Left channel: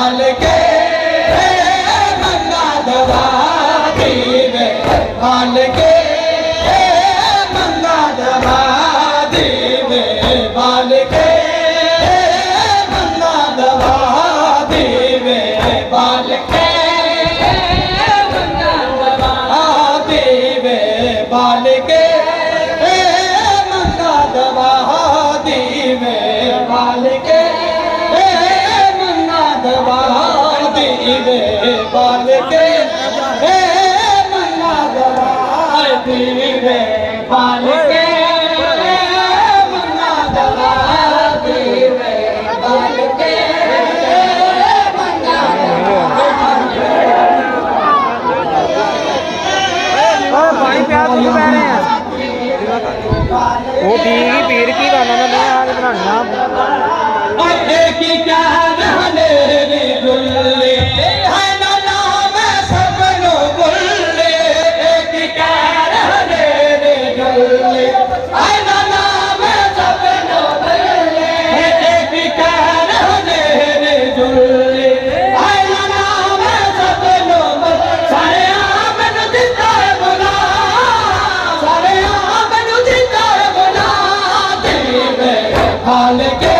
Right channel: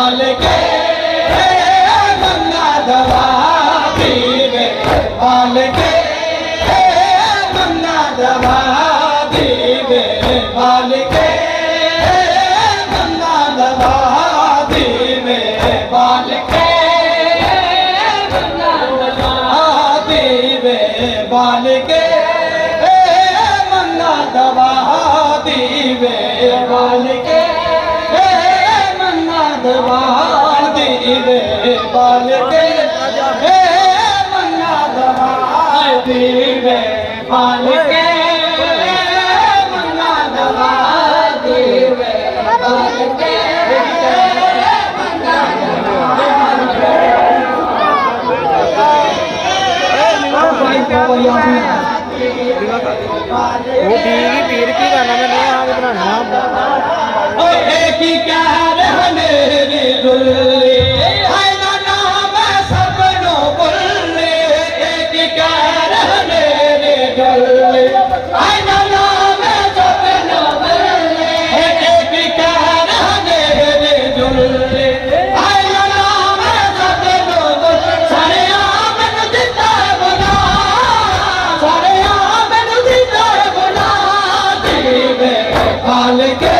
बाल के मंगा दवा दीवे बाल के मंगा दवा दीवे बाल के मंगा दवा दीवे बाल के मंगा दवा दीवे बाल के मंगा दवा दीवे बाल के मंगा दवा दीवे बाल के मंगा दवा दीवे बाल के मंगा दवा दीवे बाल के मंगा वो पीर की गाना मैंने आज बनाना एक ही कह रहने रे दुल्ले है ना नाम सबनो बुल्ले एक ही कह रहने रे दुल्ले है ना नाम सबनो बुल्ले एक ही कह रहने रे दुल्ले है ना नाम सबनो बुल्ले सारे आमनु दिता है बोला सारे आमनु दिता है बोला दीवे बाल के